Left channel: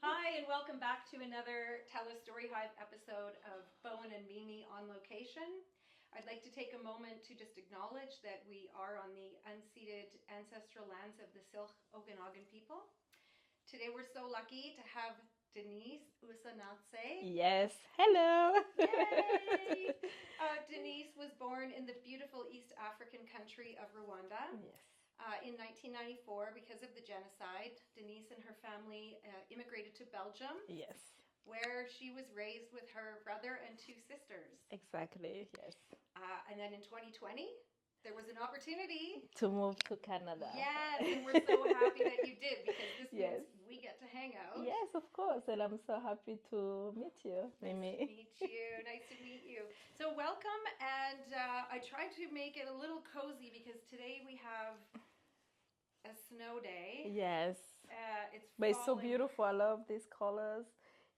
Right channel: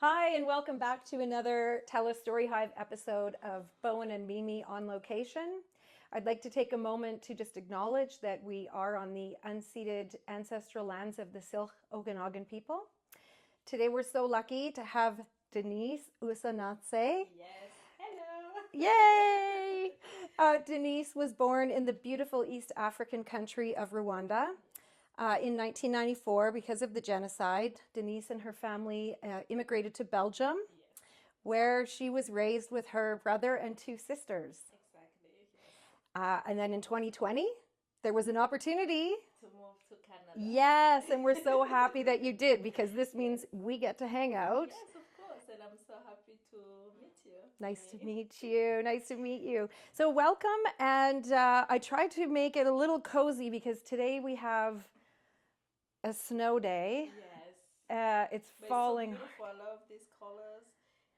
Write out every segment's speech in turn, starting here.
Hi, and welcome back to another Tell a Story Hive episode of Bowen and Mimi on location. I'd like to take a moment to just acknowledge that we are on the unceded ancestral lands of the Syilx Okanagan people. Today we're so lucky to have Denise Usanase. Yes. Hello. Yay! Denise was born in the beautiful East African country of Rwanda. In 1994, because of the genocide, Denise and her family immigrated to Belgium, Yes. where she was raised with her brother and two sisters. Exactly. Yes. And then in 2020, there was an opportunity. To move to Canada. Yes, and we're so happy that you did, because this means we get to hang out. Yes, of course. And I'm so happy to meet you. Nice Mimi. to meet you. Nice to meet you. So welcome. And I tried to make it a little cozy because today we have a snow day. Yes. It's But falling. it's so beautiful. I love these colors.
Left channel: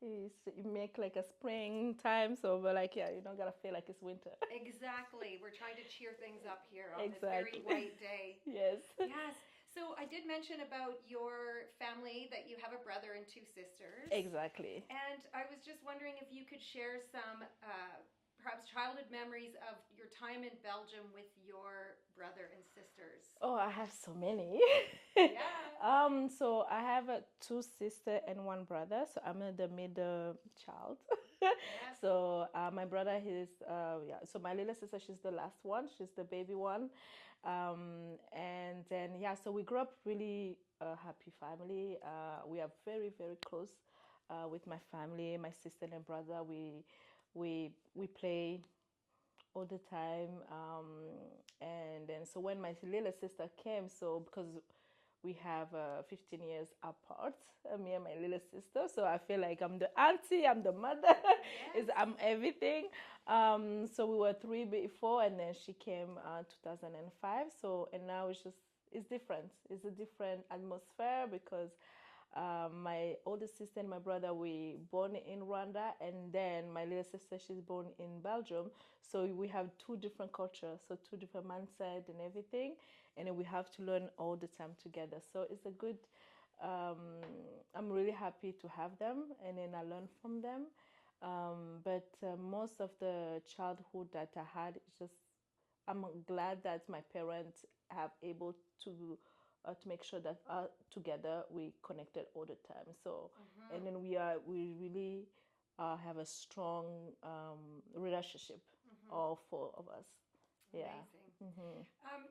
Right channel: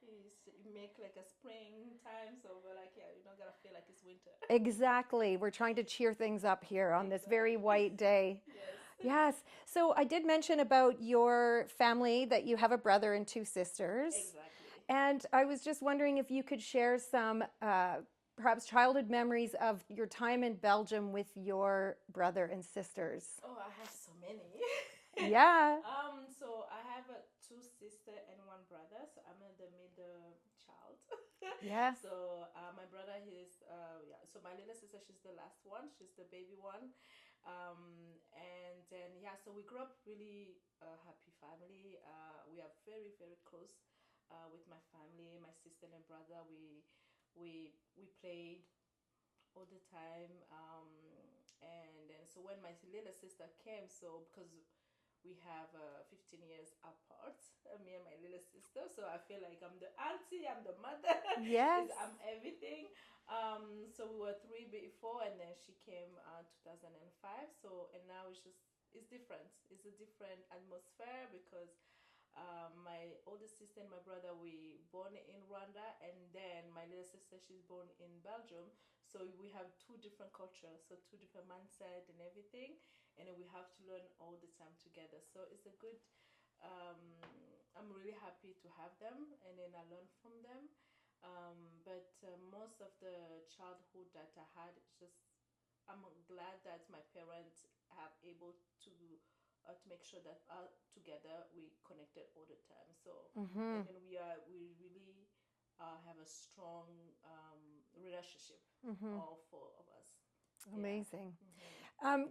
You make like a springtime, so but like you don't gotta feel like it's winter. Exactly. We're trying to cheer things up here on this very Exactly. white day. Yes. Yes. So I did mention about your family that you have a brother and two sisters. Exactly. And I was just wondering if you could share some perhaps childhood memories of your time in Belgium with your brother and sisters. Oh, I have so many. Yeah. So I have two sisters and one brother. So I'm the middle child. Yes. So my brother is So my little sister, she's the last one. She's the baby one. And then so we grew up really happy family. We are very very close with my family, my sister and brother. We play all the time. And then so when my little sister came, so because we have 15 years apart, me and my little sister, so I feel like I'm the auntie, I'm the mother. Yes. I'm everything. So we were three before, and then she came 2005. So and now it's different. It's a different atmosphere because my older sister and my brother we born in Rwanda, and then my little sister she's born in Belgium. So we have two different cultures, so two different mindset and everything, and then we have to learn all the time together. So it's a good. I'm really happy to have them, and then I learn from them. But most of the childhood that I had, it's just I'm glad that my parents have able to make sure that together we connected all the time. So and then we really have a strong relationship, all four of us. Amazing.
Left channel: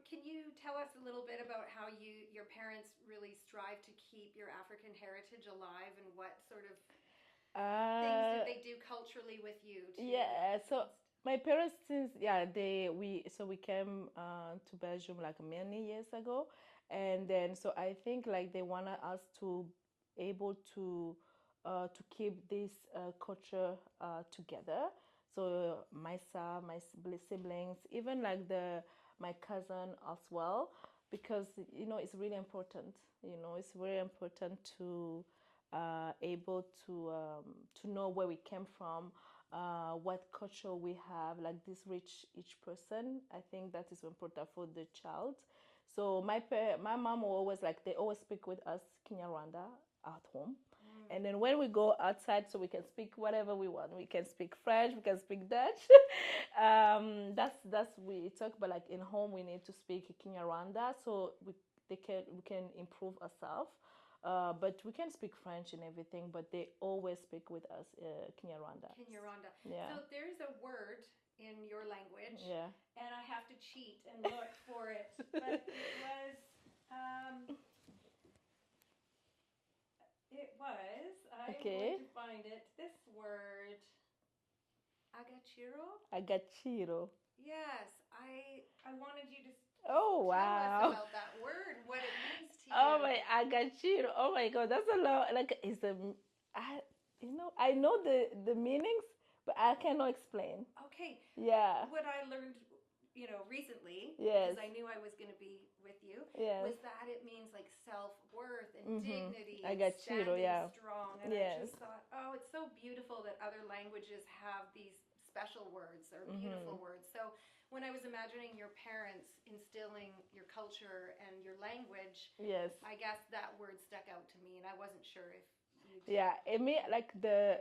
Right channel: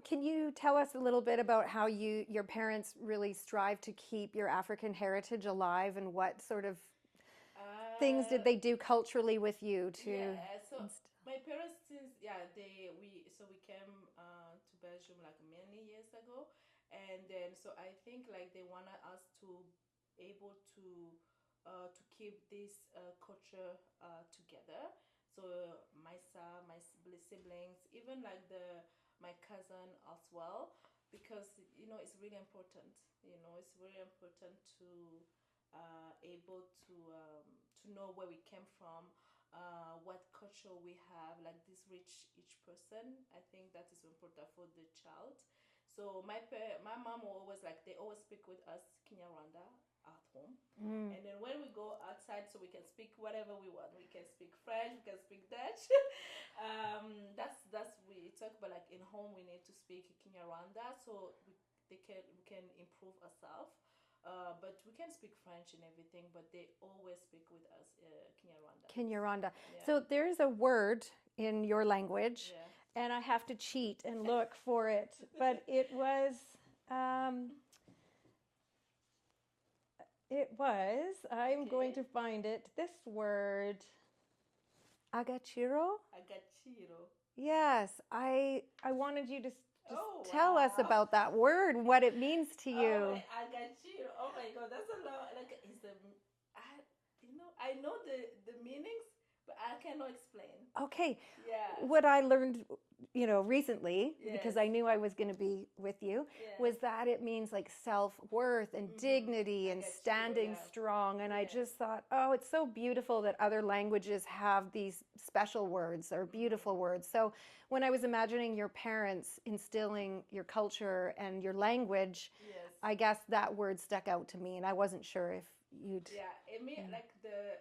Can you tell us a little bit about how your parents really strive to keep your African heritage alive, and what sort of things did they do culturally with you to? Yeah, so my parents since we came to Belgium like many years ago, and then so I think like they wanted us to able to keep this culture together. So my son, my siblings, even like the my cousin as well, because it's really important. It's very important to able to know where we came from, what culture we have, like this rich each person. I think that is important for the child. So my mom will always like they always speak with us Kinyarwanda at home, and then when we go outside, so we can speak whatever we want. We can speak French, we can speak Dutch. That's we talk, but like in home we need to speak Kinyarwanda, so we can improve ourselves. But we can speak French and everything, but they always speak with us Kinyarwanda. Kinyarwanda. Yeah. So there's a word in your language, Yeah. and I have to cheat and look for it, but it was. I'm going to find it. This word, agachiro. Agachiro. Yes, I wanted you to Oh, tell us wow. about that word and what it means to you. Oh my, agachiro. Oh my God, that's a lot. Like, I know the meanings, but I cannot explain. Okay. Yeah. What I learned, recently, because Yes. I knew I was going to be with you, Yes. was that it means like self-worth and dignity and Agachiro, standing yeah. strong. And I Yes. just thought, oh, it's so beautiful that other languages have these special words or beautiful words. So when I was imagining your parents instilling your culture and your language, Yes. I guess that word stuck out to me, and I wasn't sure you'd. Yeah, I mean, like the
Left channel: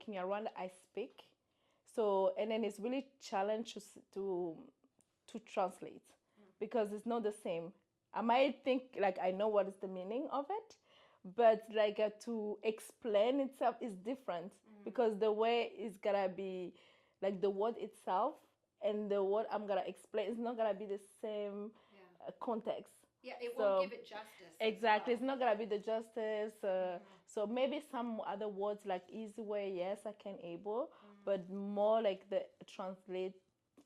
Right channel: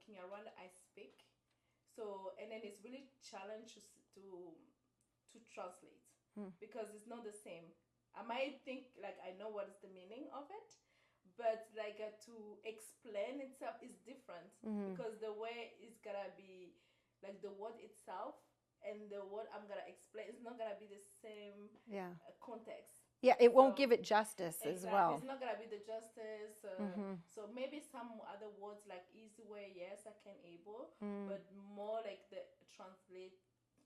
Kinyarwanda I speak. So, and then it's really challenge to translate Mm. because it's not the same. I might think like I know what is the meaning of it, but like to explain itself is different Mm-hmm. because the way it's gonna be, like the word itself and the word I'm gonna explain is not gonna be the same Yeah. context. Yeah, it won't So give it justice as exactly, well. it's not gonna be the justice. Mm-hmm. So maybe some other words like easy way, yes, I can able, Mm. but more like the translate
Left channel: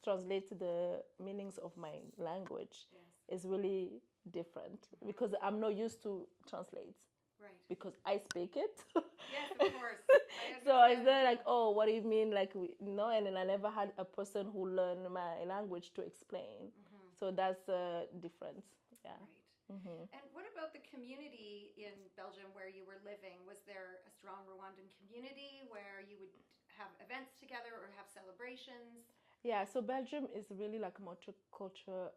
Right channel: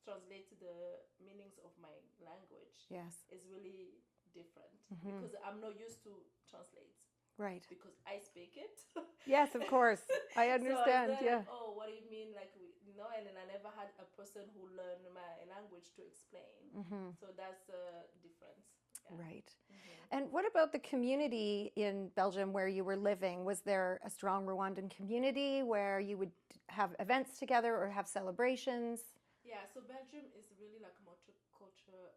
to the meanings of my language Yes. is really different Mm-hmm. because I'm not used to translate Right. because I speak it. Yes, of course. I So it's understand. not Yeah. like, oh, what do you mean? Like, no, and then I never had a person who learned my language to explain. Mm-hmm. So that's a difference. Yeah. Right. Mm-hmm. And what about the community in Belgium where you were living? Was there a strong Rwandan community where you would have events together or have celebrations? Yeah, so Belgium is really like a multicultural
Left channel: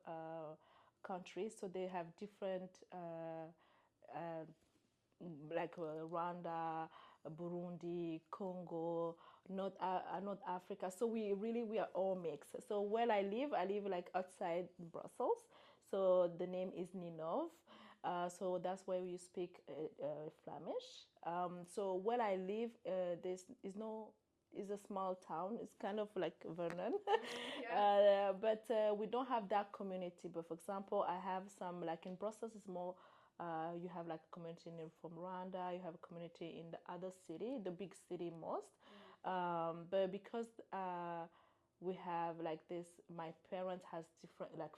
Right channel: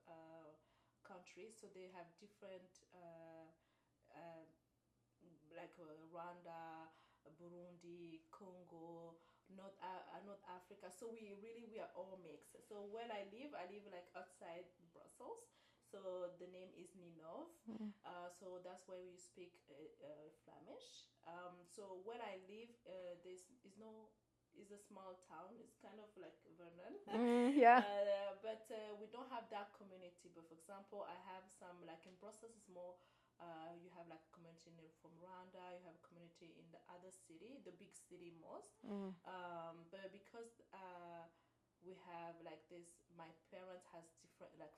country. So they have different, like Rwanda, Burundi, Congo, North Africa. So we are all mixed. So where I live like outside Brussels. So the name is Ninov. Mm. So that's where we speak Flemish. So where I live, there's is no is a small town. It's kind of like Vernon, Mm, yeah. but we don't have that community. But for example, I have some like in Brussels. It's more. You have like a community from Rwanda. You have a community in the other city, the big city most. Mm. But because we have like this, my parents has different like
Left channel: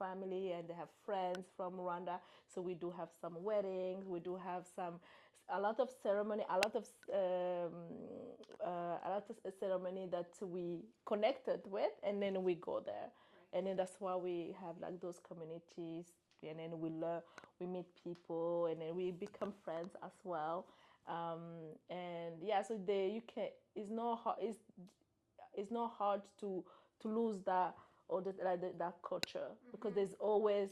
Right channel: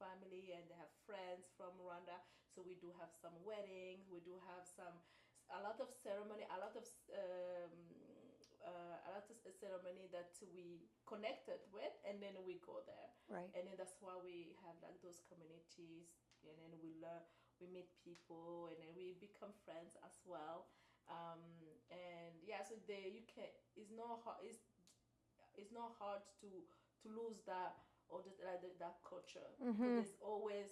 family and they have friends from Rwanda. So we do have some weddings. We do have a lot of ceremony, a lot of ceremony that we connected with, and then we go there, Right. and then that's why we have like those communities, and then we learn, we meet people, and then we become friends as well. And yeah, so you can. It's not hard. It's not hard to lose that or that culture because Mm-hmm. there's always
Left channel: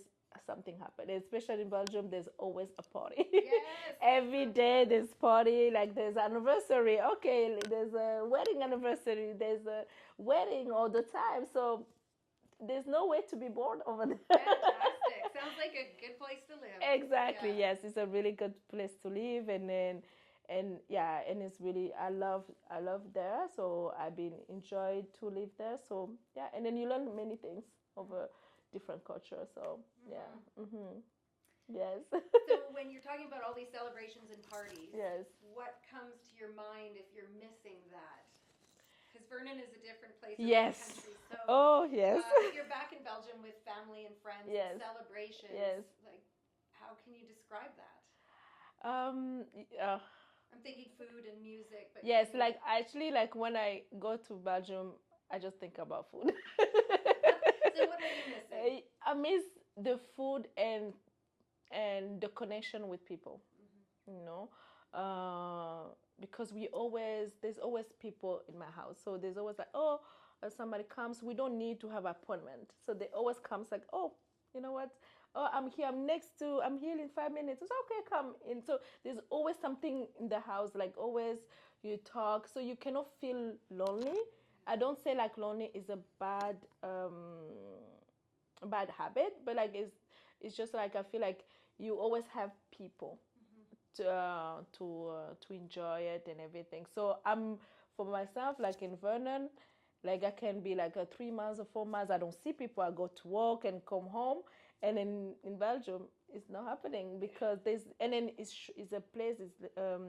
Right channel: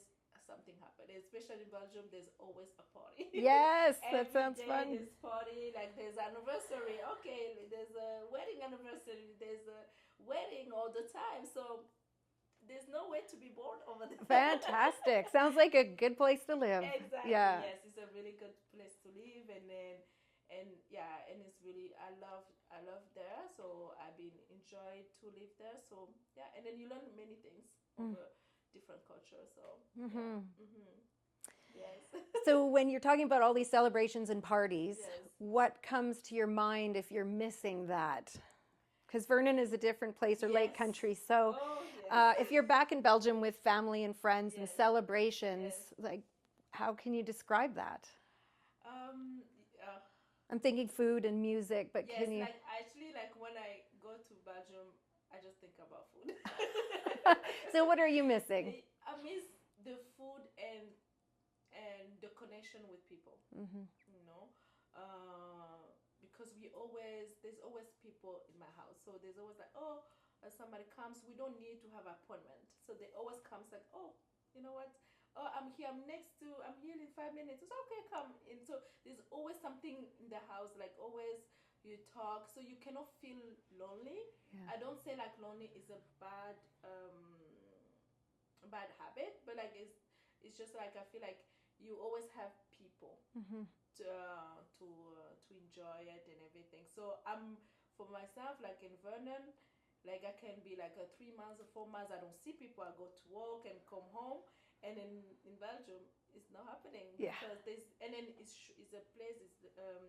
something happening, especially in Belgium. There's always a party. Yes, that Every sounds day fun. there's party. Like there's anniversary. Okay, there's a wedding anniversary. There's a wedding all the time. So there's no way to be bored over there. Fantastic. Sounds like a good place to live. Exactly. Yeah. Yes, it's a really good place to live, and yeah, and it's really I love there. So I've been enjoyed to live there. So yeah, and then you learn many things over different culture. So yeah. Mm-hmm. Yes. So when you're talking about all these celebrations and parties, Yes. what comes to your mind if you're missing that? Because Vernon is a different place, a Yes. right country. So Oh yes. if you're back in Belgium with family and friends and Yes. celebrations, Yes. like how can you describe that? Um. Uh, I'm thinking food and music, but yes. can you... Like actually, like when I go to Belgium, I just think about food. So what are you missing? I miss the food and the connection with people. Mm-hmm. You know, because there's always people in my house, so there's always like, oh, somebody comes, we don't need to have appointment, so they always comes like, oh, you know what, oh, I'm here, I'm here in 5 minutes, it's okay, come in. So there's always something in the house, like always you talk, so you cannot feel lonely. Yeah. I don't say like lonely is a bad habit, but like it's just like I feel like you always have people Mm-hmm. to enjoy it and everything. So I'm for myself like in Vernon, like I can be like 3 months or 4 months I don't see people. I go to work and come home, and in Belgium it's not happening Yeah. because there's and then it's a place.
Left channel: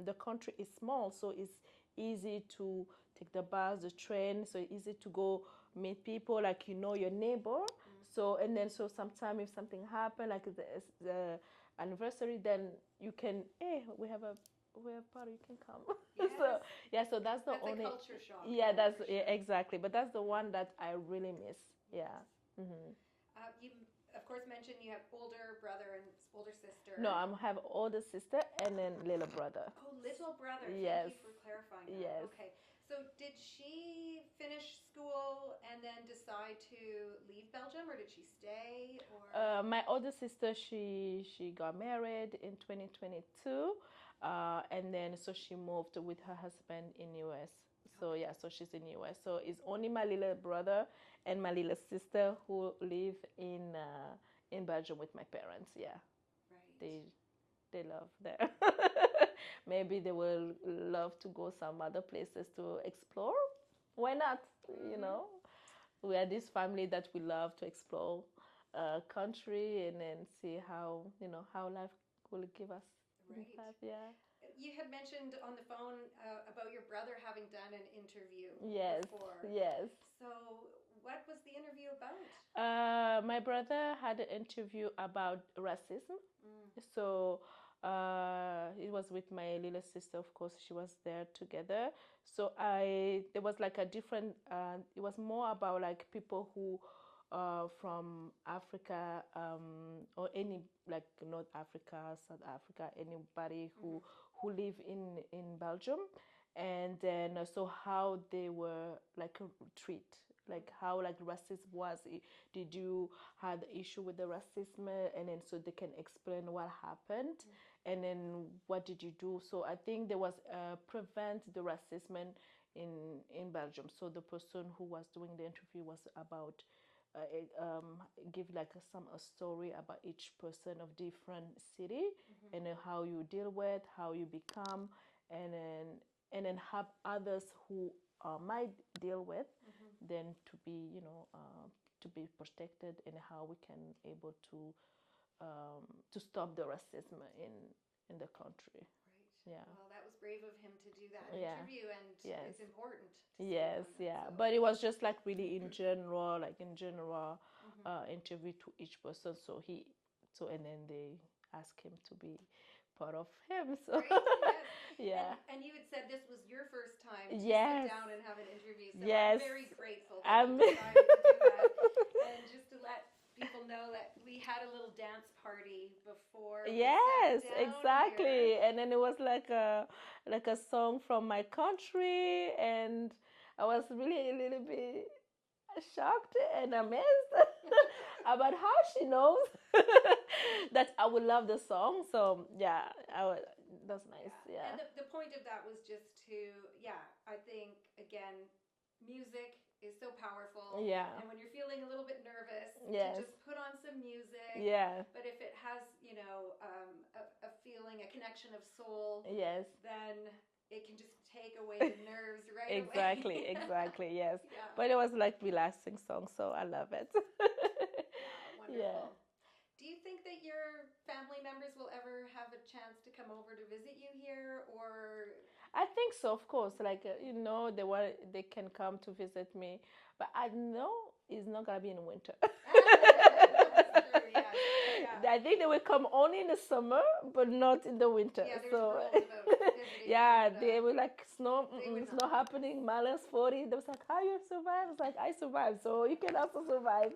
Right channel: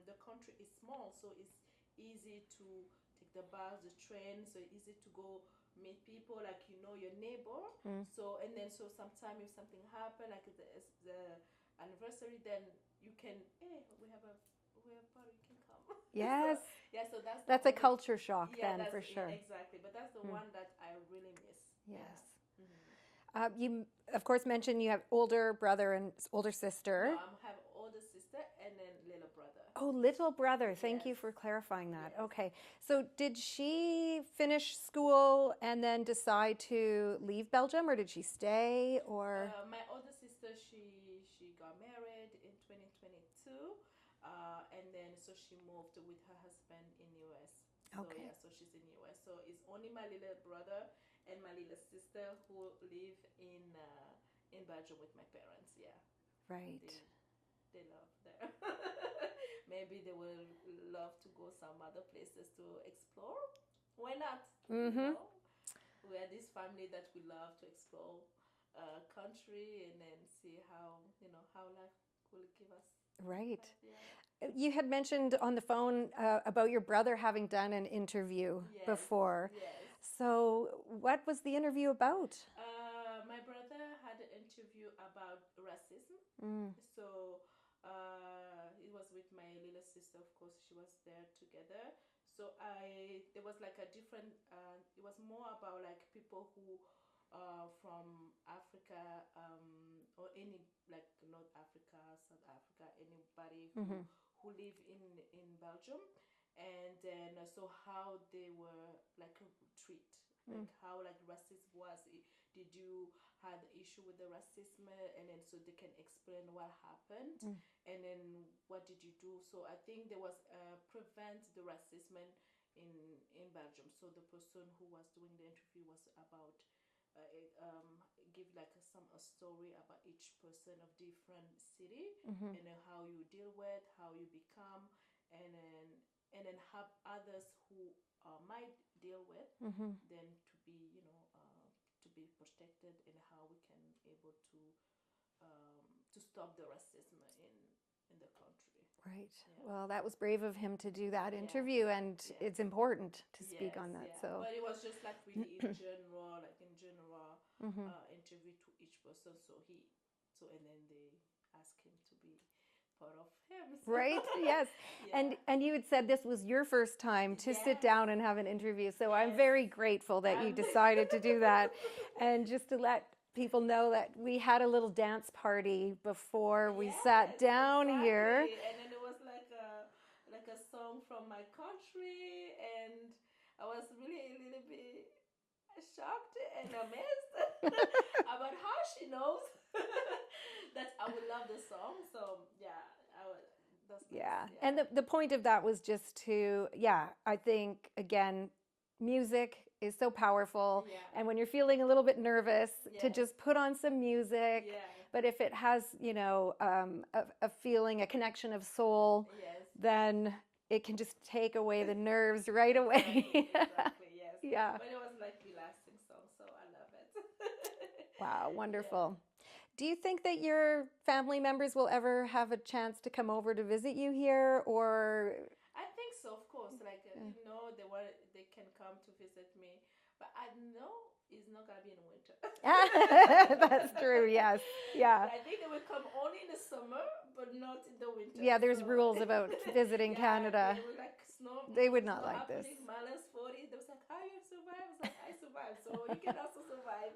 The country is small, so it's easy to take the bus, the train. So it's easy to go meet people, like you know your neighbor. So and then so sometimes if something happen like the anniversary, then you can, hey, we have party, you can come. Yes. So yeah, so that's That's a culture shock. yeah, then, that's for yeah, sure. exactly. But that's the one that I really miss. Yes. Yeah. Mm-hmm. You, of course, mentioned you have older brother and older sister. No, I have older sister and then little brother. Oh, little brother. Thank you Yes. for clarifying that. Yes. Okay. So did she finish school and then decide to leave Belgium, or did she stay, or? My older sister, she got married in 2022. and then so she moved with her husband in US. So Okay. yeah, so she's in US. So it's only my little brother and my little sister who live in Belgium with my parents. Yeah, Right. they love there. Maybe they will love to go some other places to explore. Why not? You Mm-hmm. know, we are this family that we love to explore country and then see how how life will give us this Right. life. Yeah. You had mentioned on the phone about your brother having done an interview Yes. before. Yes. So, what was the interview about? My brother had an interview about racism. Mm. So it was with my little sister, of course, she was there together. So there was like a different, it was more about like people who from Africa or any like North Africa, South Africa, anybody Mm-hmm. who live in Belgium, and then so how they were like treat, like how like racism was. Did you had issue with the racism, and then so they can explain what happened, Mm. and then what did you do. So I think there was prevent the racism in Belgium. So the person who was doing the interview was about give like some a story about each person of different city, Mm-hmm. and then how you deal with, how you become, and then have others who might deal with, Mm-hmm. then to be protected, and how we can able to stop the racism in the country. Right. Yeah. Well, that was brave of him to do that Yeah. interview, and Yes. it's important to speak Yes, on that. yeah, So, but it was just like really in general, like in general, mm-hmm. interview to each person. And then they asked him to be part of him. So. Right? Yes. Yeah. And you had said this was your first time to sit Yes. down and have an interview. So I'm Yes. very grateful that you I'm- decided to do that. And just to let people know that we had a little dance party before we sat Yes, down here. exactly. And then it was like a song from my country, and I was really a little bit shocked and amazed about how she knows that I would love the song. So yeah, that's nice. Yeah. Yeah. And the point of that was just to, I think, again, music is so powerful. Yeah. And when you're feeling a little bit nervous, to Yes. just put on some music. Yeah. But if it has, a feeling, a connection of soul, Yes. then it can just take away the nerves right away. Exactly, yes. Yeah. But it was like relaxing song, so I love it. Wow, wonderful. Do you think that your family members will ever have a chance to come over to visit you here, or? I think so, of course. Like they can come to visit me, but I know it's not gonna be in winter. That's true. Yes. Yeah. I think they will come only in the summer, but not in the winter. Yeah, there's So- rules about visiting yeah, Canada. they were like snow. They would not snow like happening. -40. They was like, "How you survive?" I was like, "I survived, so you can also survive."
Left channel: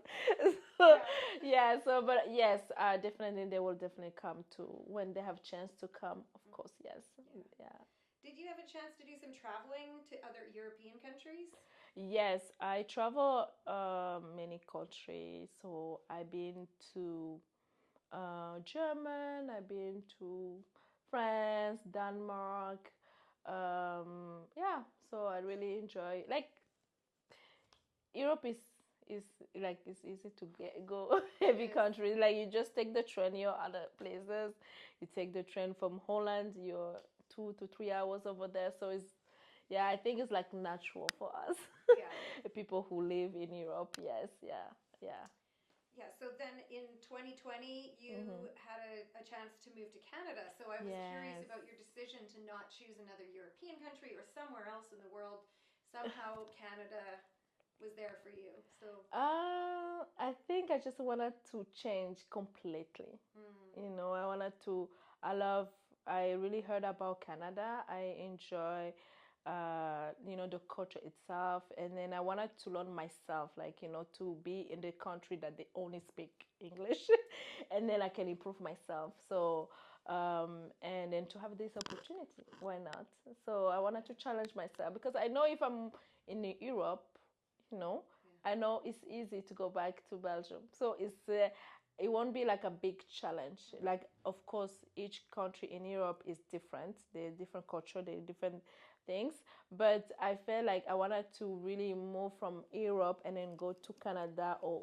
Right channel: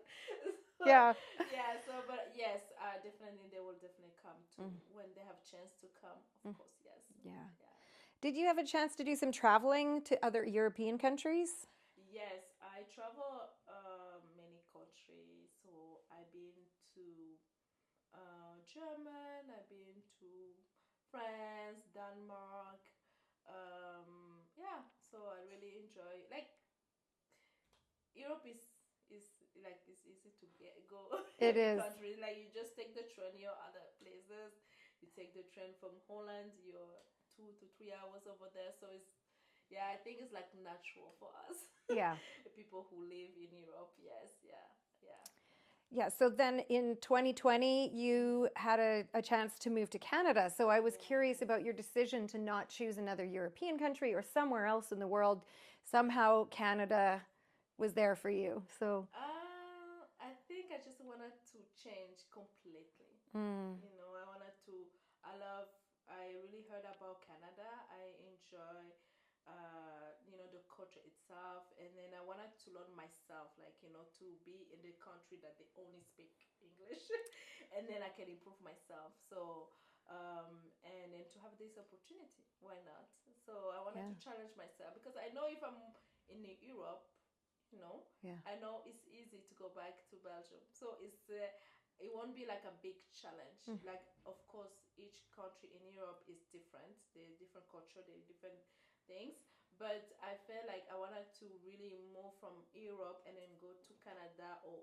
So, Yeah. yeah. So, but yes, definitely they will definitely come to when they have chance to come. Of course, yes. Yeah. Yeah. Did you have a chance to do some traveling to other European countries? Yes, I travel many countries. So I've been to German. I've been to France, Denmark. Yeah, so I really enjoy like Europe is like it's easy to go It every is. country. Like you just take the train, you're other places. You take the train from Holland, you're 2 to 3 hours over there. So it's yeah, I think it's like natural for us. Yeah. People who live in Europe. Yes, yeah, yeah. Yeah. So then in 2020, you had a chance to move to Canada. So I was curious Yes. about your decision to not choose another European country or somewhere else in the world. Somehow Canada was there for you. So I think I just wanted to change completely. I wanted to. I really heard about Canada. I enjoy, the culture itself, and then I wanted to learn myself, like to be in the country that they only speak English, and then I can improve myself. So, and then to have this opportunity, why not? So I wanted to challenge myself because I know if I'm in Europe, Yeah. I know it's easy to go back to Belgium. So it won't be like a big challenge. Like, of course, each country in Europe is different. They're different culture, they're different things. But I felt like I wanted to really move from Europe and then go to Canada, or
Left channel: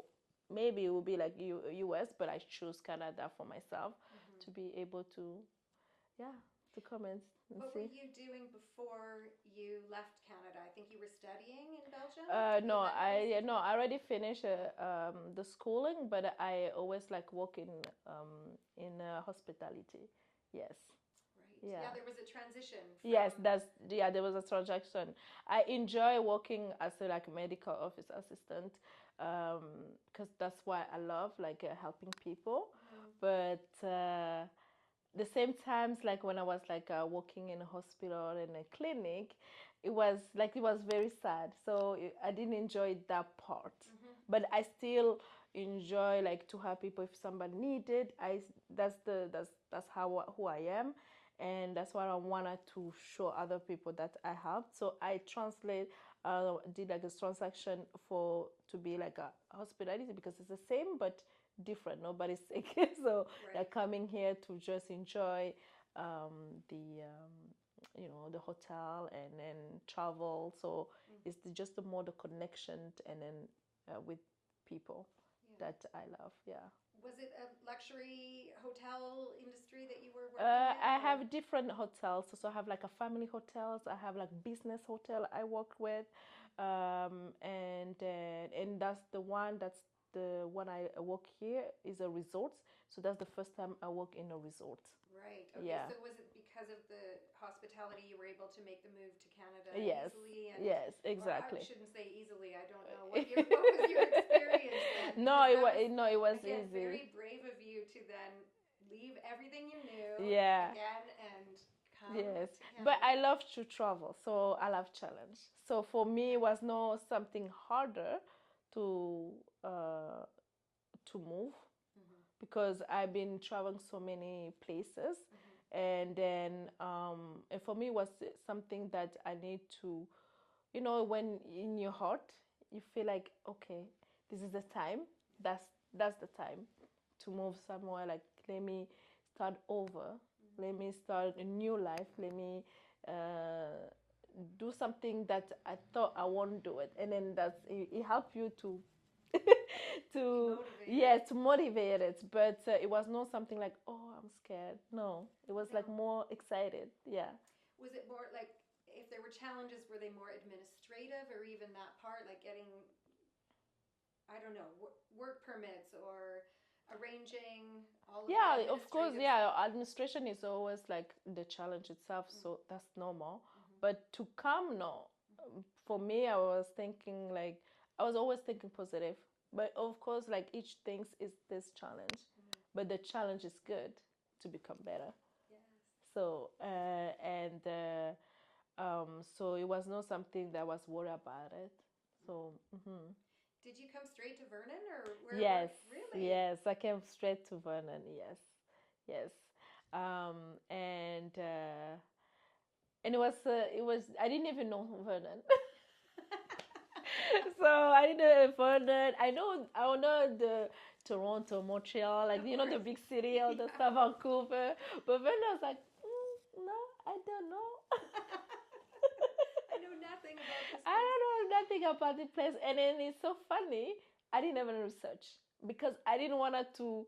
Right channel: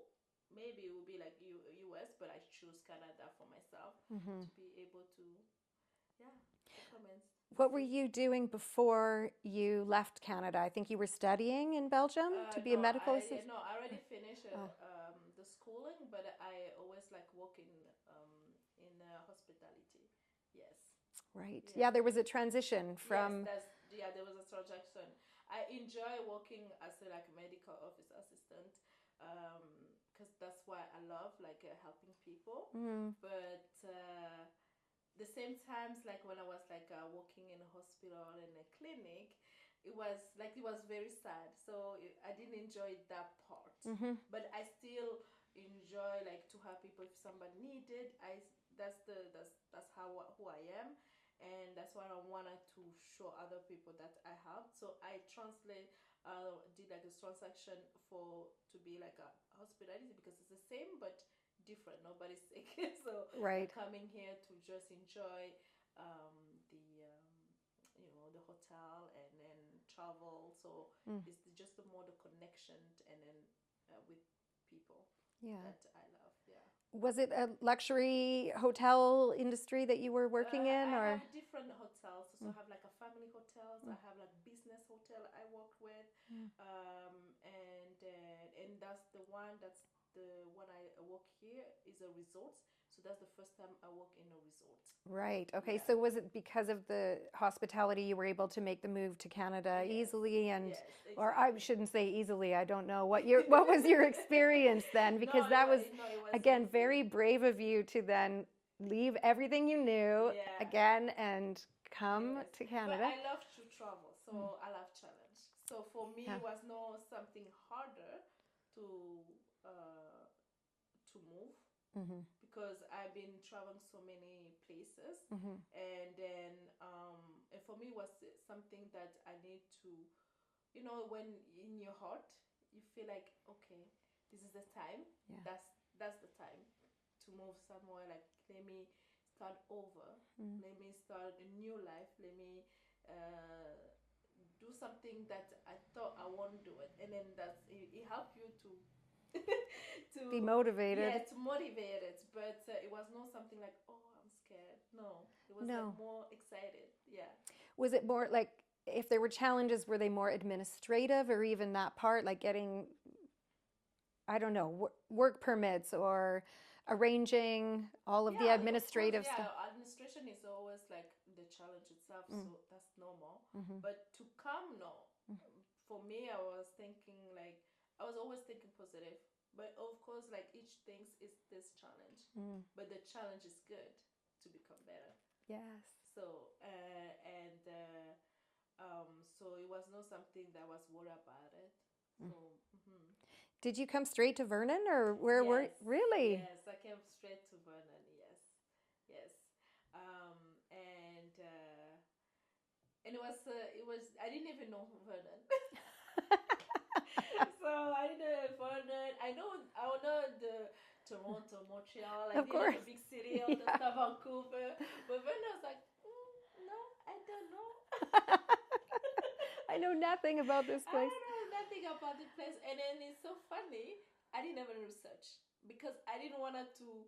maybe it would be like US, but I choose Canada for myself to be able to, yeah, to come and What were see. you doing before you left Canada? I think you were studying in Belgium to be a medical assistant. No, I already finished the schooling, but I always like work in hospitality. Yes. Right. Yeah. Yeah, there was a transition from. Yes, there was a transaction. I enjoy working as a like medical office assistant, because that's why I love like helping people. But the same times, like when I was like working in a hospital and a clinic, it was very sad. So I didn't enjoy that part. But I still enjoy like to help people if somebody needed. That's how who I am, and that's what I wanted to show other people that I helped. So I did like a transaction for to be like a hospitality, because it's the same but different. Nobody's sick, so Right. like coming here to just enjoy the the hotel and then travel. So it's just the more the connection and then with people Yeah. that I love. Yeah. Was it a luxury hotel industry that you were working in? I or- have different hotels. So I have like a family hotels. I have like business hotel I work with, and that's the one I work here is a resort. So that's the first time I work in a resort. Right. Okay. Yeah. So was it because of the hospitality you were able to make the move to Canada Yes. easily? And Yes, or I exactly. shouldn't say easily. I don't know what was your experience then, because that was it was again easy. very brave of you to then leave everything you knew Yeah. again and come Yes. to Canada. But I love to travel, so I love challenge. So for me, Yeah. it was no something harder to move, because I've been traveling so many places, and then and for me it was something that I need to, when in your heart you feel like, okay, this is the time. Yeah. That's the time to move somewhere. Like, let me start over. Let me start a new life. Let me do something that I thought I won't do it, and then it helped you to to Be motivated. Yeah, to motivate it. But it was not something like, oh, I'm scared. No, it was like No. more excited. Yeah. Was it more like, if there were challenges, were they more administrative, or even that part, like getting, I don't know, work permits or arranging all of the administrative of course, stuff? administration is always like the challenge itself, so that's normal. But to come, no. For me, I was always thinking positive. But of course, like each thing is this challenge. But the challenge is good to become better. Yes. So so it was not something that I was worried about it. So. Did you come straight to Vernon, or where Yes, were really? Yes, I came straight to Vernon. Yes, yes, and it was I didn't even know Vernon. So I didn't know Vernon. I know the Toronto, Montreal, like Of the course. big city, all the stuff, Vancouver. But Vernon, I was like, no, I don't know. I know nothing about this I place. don't know nothing about the place, and then it's so funny. I didn't even research, because I didn't want to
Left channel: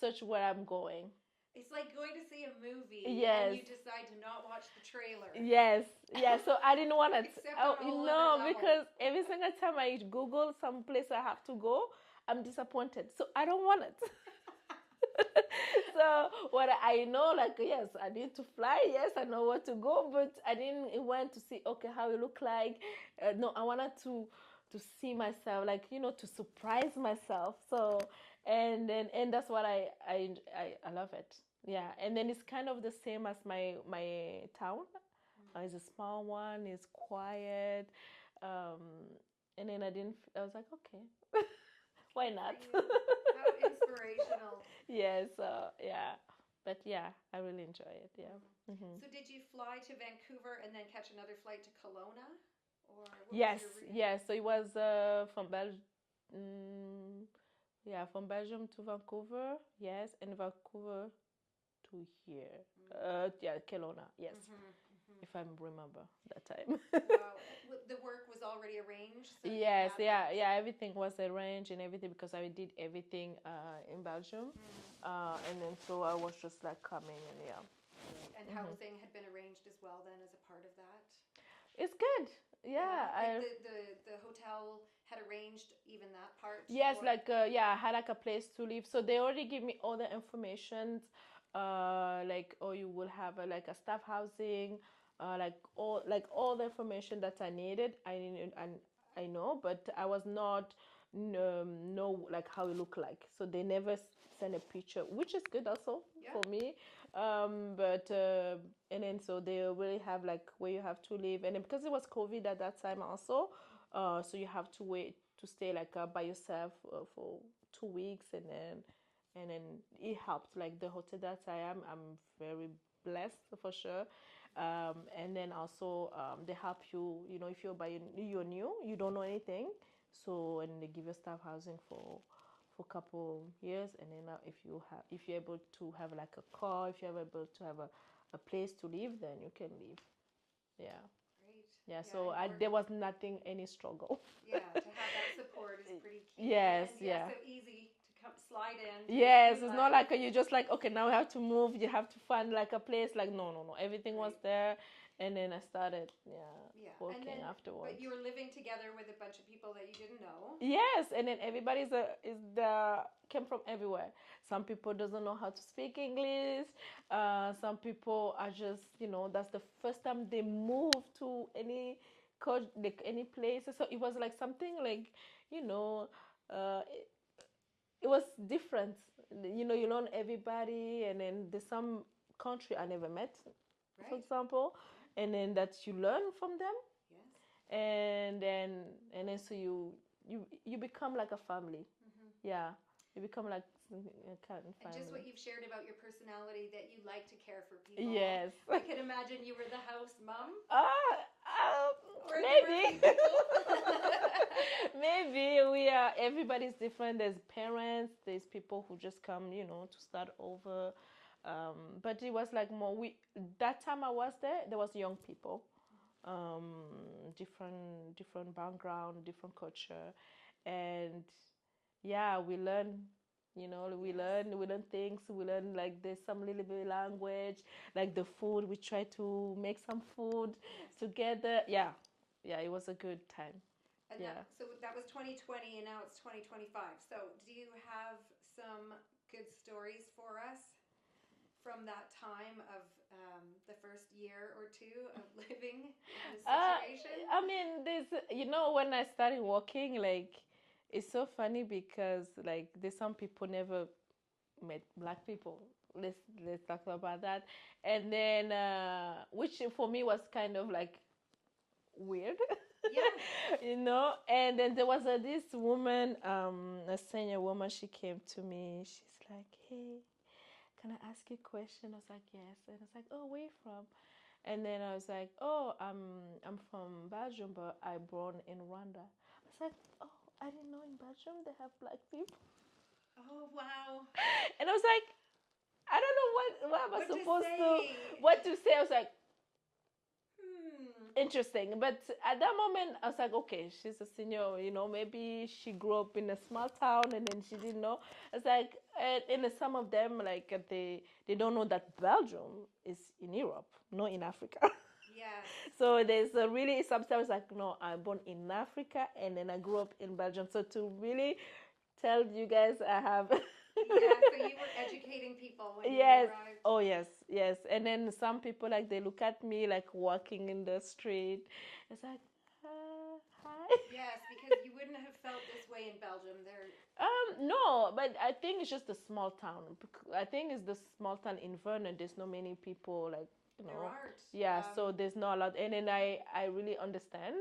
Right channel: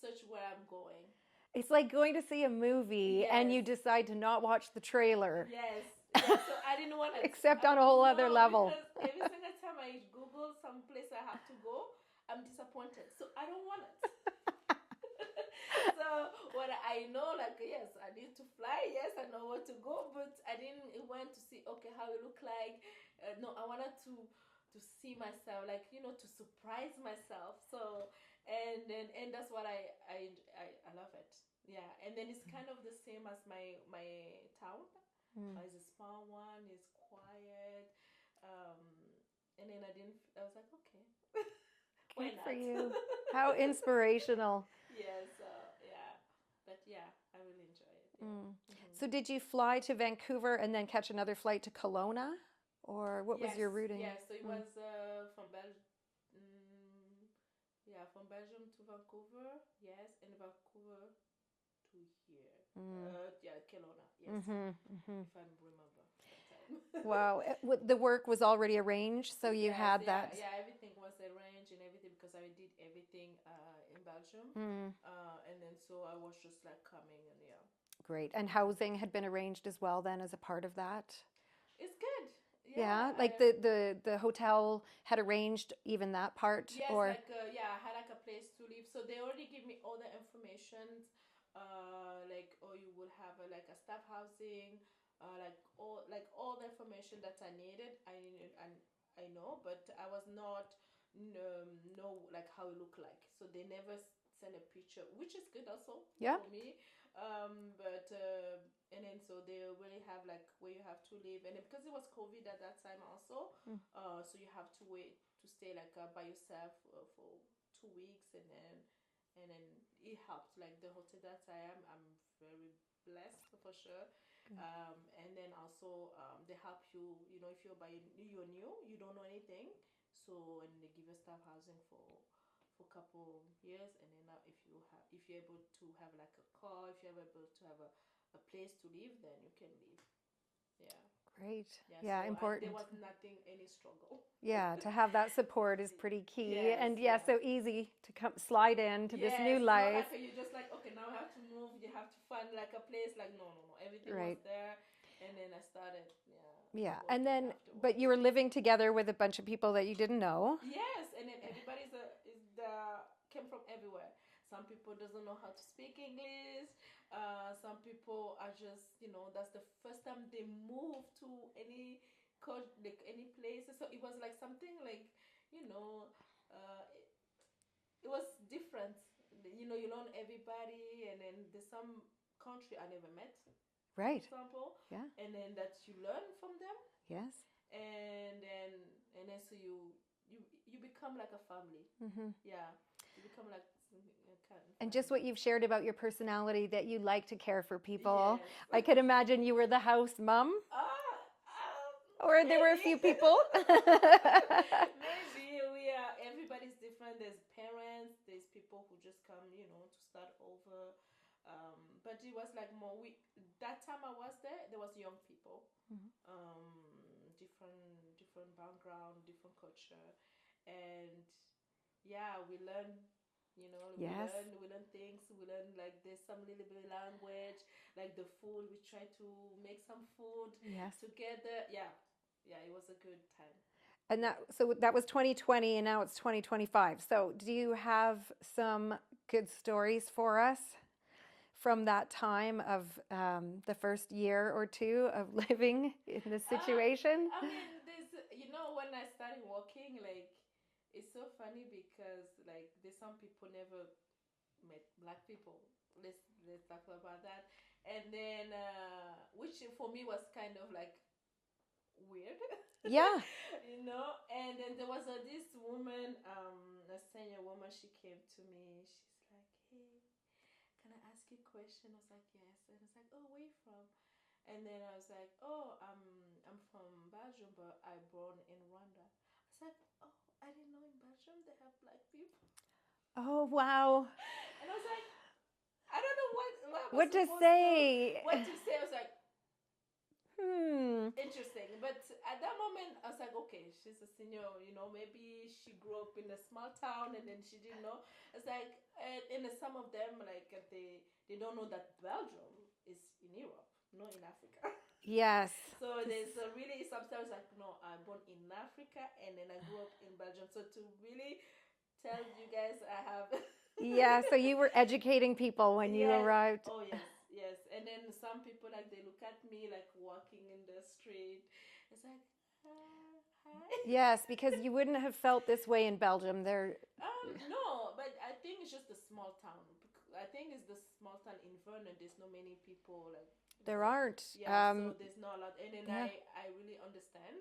search where I'm going. It's like going to see a movie and Yes. you decide to not watch the trailer. Yes, yeah. So I didn't want to. Except on a whole other level. Because every single time I Google some place I have to go, I'm disappointed. So I don't want it. So what I know, like, yes, I need to fly. Yes, I know where to go, but I didn't want to see, okay, how it look like. No, I wanted to see myself, like, to surprise myself. So and that's what I love it. Yeah, and then it's kind of the same as my town. It's a small one. It's quiet. And then I was like, okay. Why Good not? for you. How inspirational. Yes, yeah. But yeah, I really enjoy it. Yeah. So did you fly to Vancouver and then catch another flight to Kelowna? Or what Yes, was your routing? yes. So it was from Yeah, from Belgium to Vancouver, yes, and Vancouver to here. Yeah, Kelowna, yes, if I remember that time. Wow. The work was already arranged, so you Yes, had yeah, that. yeah. Everything was arranged and everything because I did everything in Belgium, and then so I was just like coming and yeah, Great. And housing had been arranged as well then as a part of that? it's good. Yeah, Yeah, like the hotel had arranged even that part, yes, or like yeah, I had like a place to live, so they already give me all the information. Like oh, you will have like a staff housing, like all the information that I needed. I know, but I was not know like how it look like. So they never send a picture, which is good also yeah, for me. But and then so they really have like where you have to live, and then because it was COVID at that time also, so you have to wait to stay like by yourself for 2 weeks, and then it helped like the hotel that I'm very blessed for sure. And then also they help you, you know, if you're new, you don't know anything, so and they give you staff housing for a couple years, and then if you're able to have like a car, if you're able to have a place to live, then you can live. Yeah. great. Yeah, Yeah, so there important. was nothing, any struggle. Yeah, to have that support is pretty key. Yes, And yeah, yeah. so easy to come slide into this Yes, new it's not life. like you just like, okay, now we have to move, you have to find like a place. Like, no, no, no. Everything was Right. there. And then I started, yeah, Yeah. And working then, but afterwards. you were living together with a bunch of people that you didn't know. Yes, and then everybody's came from everywhere. Some people doesn't know how to speak English. Some people are just, you know, that's the first time they move to any like any place. So it was like something like, you know, it was different. You know, you learn everybody, and then there's some country I never met, for Right. example, Yeah. and then that you learn from them, Yes. and then so you become like a family. Yeah, you become like a kind of And just what family. you've shared about your personality, that you like to care for people. Yes. I could imagine you were the house mom, or there were a Maybe. few people. Maybe we are. Everybody's different. There's parents. There's people who just come, you know, to start over. But it was like more. We that time I was there. There was young people, different background, different culture, and yeah, we learn. You know, Yes. we learn things. We learn like there's some little bit language, like the food. We try to make some food Yes. together. Yeah, yeah, it was a good time. And Yeah. so that was 2020 and now it's 2025. So do you have some good stories for us from that time of the first year or two of living in this situation? I mean, there's, you know, when I started working, like, it's so funny because, like, there's some people never met black people. Let's talk about that. And then, which for me was kind of like weird, Yeah. you know. And then there was this woman, a senior woman. She came to me. She's like, "Hey, can I ask you a question?" I was like, "Yes." And I was like, "Oh, where you from?" And then I was like, "Oh, I'm from Belgium, but I born in Rwanda." I was like, "Oh, I didn't know in Belgium they have black people." Oh, wow. And I was like, I don't know what am I What to supposed to say? what to say. I was like, Hmm. interesting. But at that moment, I was like, okay, she's a senior, you know, maybe she grew up in a small town and then she didn't know. It's like, and some of them, like, they don't know that Belgium is in Europe, not in Africa. Yes. So there's a really sometimes like, no, I'm born in Africa and then I grew up in Belgium. So to really tell you guys, I have. Yeah, so you were educating people when you Yes. arrived. Oh, yes, yes. And then some people like they look at me like walking in the street. It's like, hi. Yes, because you wouldn't have felt this way in Belgium. There, No, but I think it's just a small town. I think it's the small town in Vernon. There's not many people like, you there know. aren't. Yeah, so there's not a lot. And then Yeah. I really understand.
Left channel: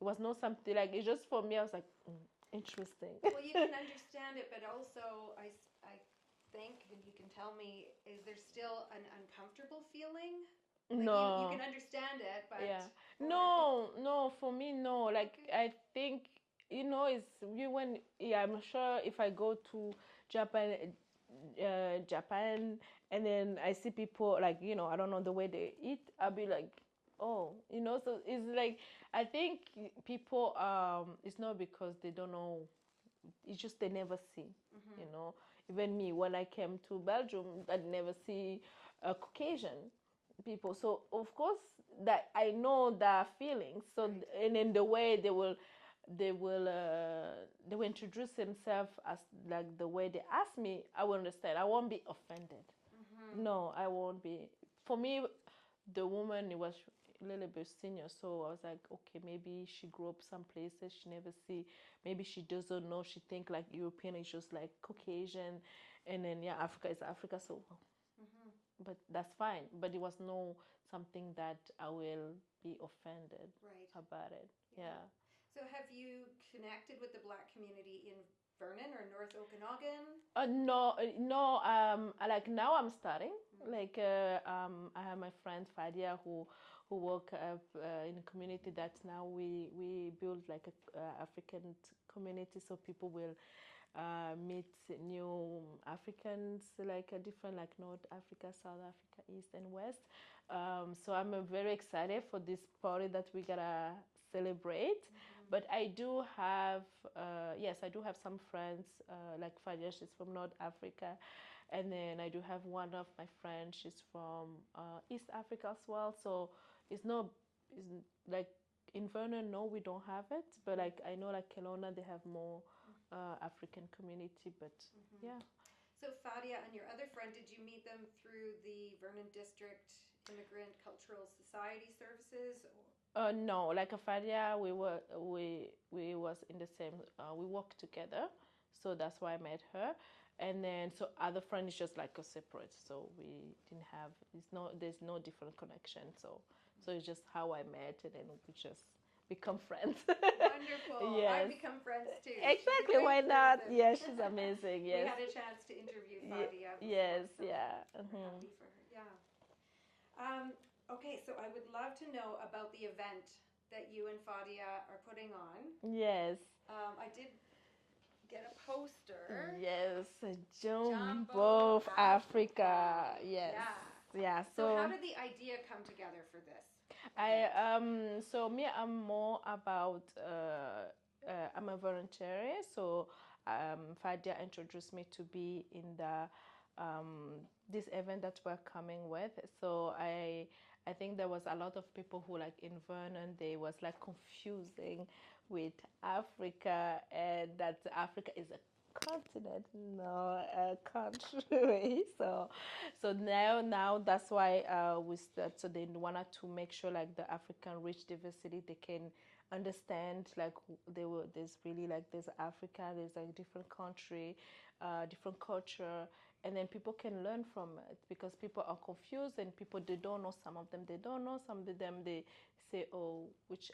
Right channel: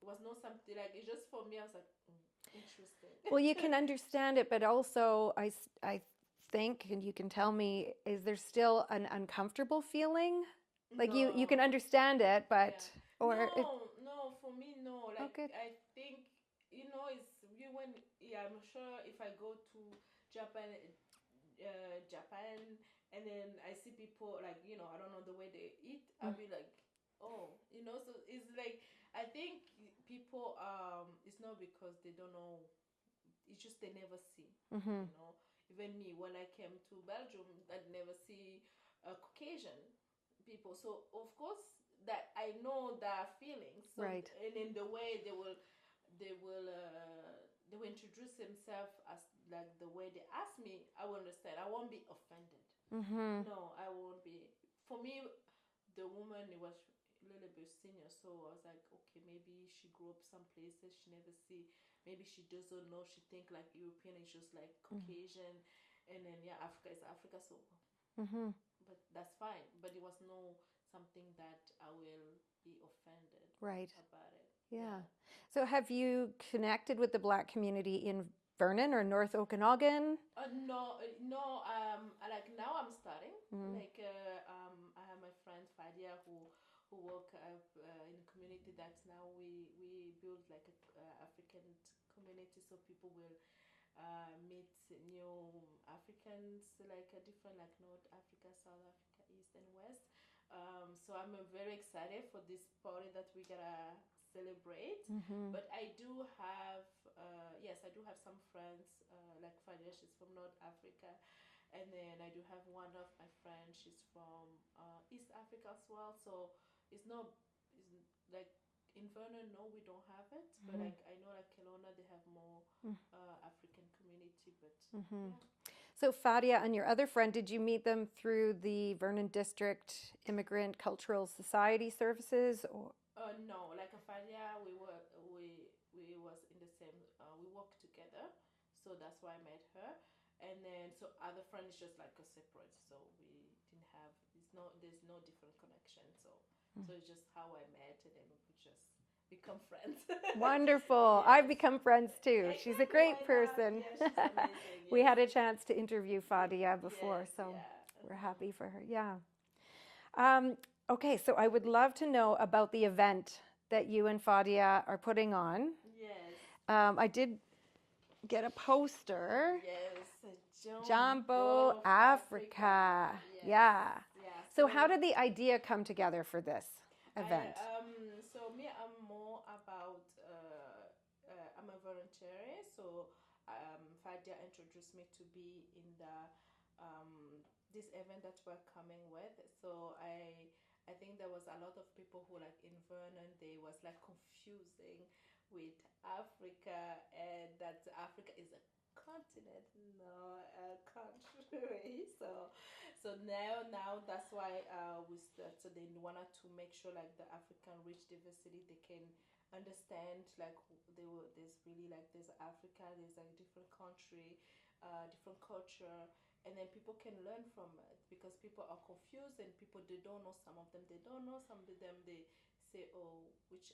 It was not something like, it's just for me, I was like, interesting. Well, you can understand it, but also I think, and you can tell me, is there still an uncomfortable feeling? Like you No. can understand it, but Yeah. or No, no, for me, no. Like, okay. I think it's you when yeah, I'm sure if I go to Japan, Japan, and then I see people like I don't know the way they eat, I'll be like, oh, so it's like I think people it's not because they don't know, it's just they never see, you know. Even me, when I came to Belgium, I never see Caucasian people. So of course that I know their feelings. So Right. and in the way they will introduce themselves as like the way they ask me, I will understand. I won't be offended. No, I won't be. For me, the woman it was a little bit senior, so I was like, okay, maybe she grew up some places she never see. Maybe she doesn't know. She think like European is just like Caucasian, and then yeah, Africa is Africa. So, but that's fine. But it was no something that I will be offended Right. about it. Yeah. So have you connected with the Black community in Vernon or North Okanagan? No, no. Like now I'm starting. Like I have my friend Fadia who work in a community that now we build like a African community, so people will meet new Africans, like a different like North Africa, South Africa, East and West. So I'm very excited for this party that we gotta celebrate. But I do have, yes, I do have some friends, like Fadia, she's from North Africa. And then I do have one of my friends, she's from East Africa as well. So it's not, it's like in Vernon, no, we don't have it. But like I know like Kelowna, they have more African community. But yeah. So Fadia and your other friend, did you meet them through the Vernon District Immigrant Cultural Society services? Or? No, like a Fadia, we was in the same. We worked together, so that's why I met her. And then so other friend is just like a separate. So we didn't have. There's no different connection. So it's just how I met, and then we just become friends. Wonderful. Yes. I've become friends too. Exactly, She's a great why not? person. Yeah, she's amazing. Yes. We had a chance to interview Fadia before, Yes, so yeah. we're happy for her. Yeah. Okay, so I would love to know about the event that you and Fadia are putting on. Yes. I did get a poster. Yes. Jumbo Africa. Yes. Yeah. Yeah. So how did the idea come together for this event? So me, I'm more about I'm a volunteer. So Fadia introduced me to be in the this event that we're coming with. So I think there was a lot of people who like in Vernon they was like confusing with Africa, and that Africa is a continent, not a country. So now that's why we start. So they wanted to make sure like the African rich diversity they can understand like there's really like there's Africa, there's like different country, different culture, and then people can learn from it because people are confused and people they don't know, some of them they don't know, some of them they say, oh, which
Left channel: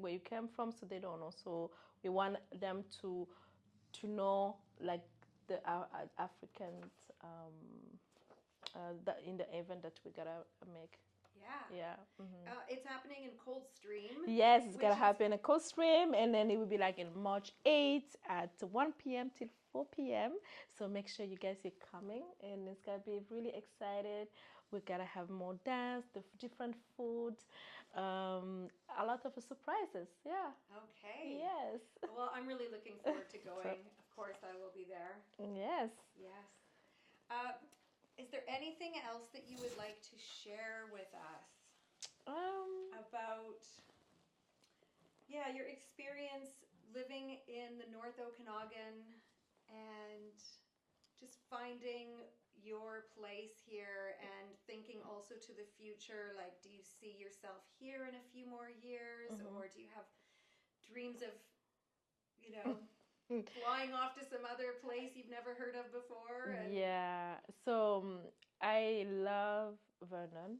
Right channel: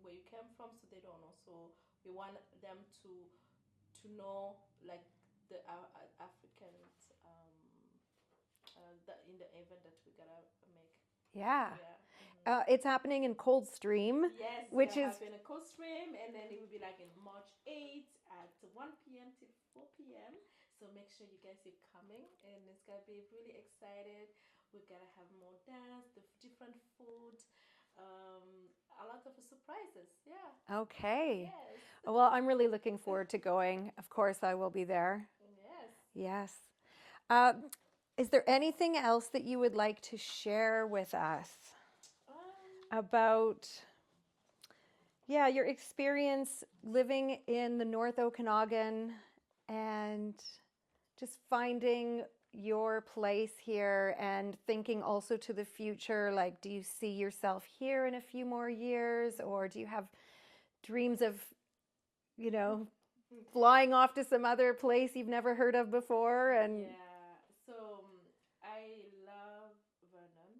where you came from, so they don't know. So we want them to know like the Africans that in the event that we gotta make. Yeah. Yeah. It's happening in Coldstream. Yes, it's which gonna is happen at Coldstream, and then it will be like in March 8th at 1 p.m. till 4 p.m. So make sure you guys are coming, and it's gonna be really excited. We gotta have more dance, the different food, a lot of surprises. Yeah. Okay. Yes. Well, I'm really looking forward to going. Of course, I will be there. Yes. Yes. Is there anything else that you would like to share with us about, your experience living in the North Okanagan and just finding your place here and thinking also to the future? Like, do you see yourself here in a few more years, or do you have dreams of, flying off to some other place you've never heard of before? And yeah, so I love Vernon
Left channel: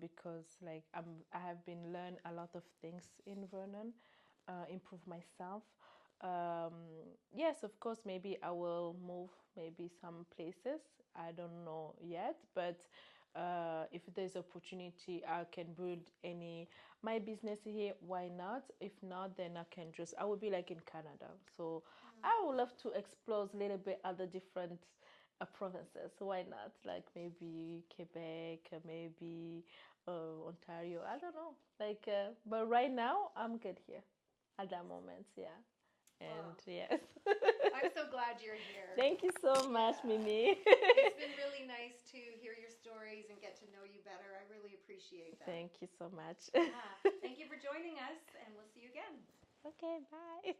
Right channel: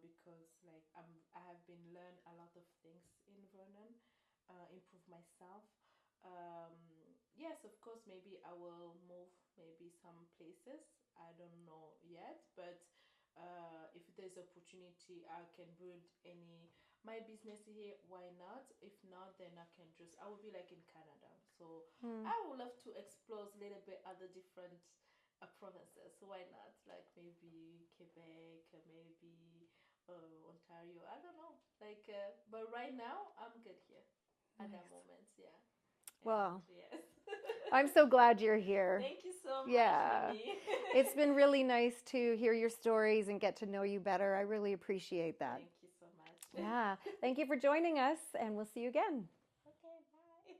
because like I have been learn a lot of things in Vernon, improve myself. Yes, of course, maybe I will move maybe some places. I don't know yet, but if there's opportunity, I can build my business here. Why not? If not, then I will be like in Canada. So Mm. I would love to explore a little bit other different provinces. Why not? Like maybe Quebec, maybe Ontario. I don't know. But right now I'm good here at that Nice. moment. Yeah. And Well, yes. I'm so glad you're here. Thank you so much, Yeah. Mimi. It's been really nice to hear your stories and get to know you better. I really appreciate that. Thank you so much. Yeah. Thank you for joining us, and we'll see you again. Okay, bye.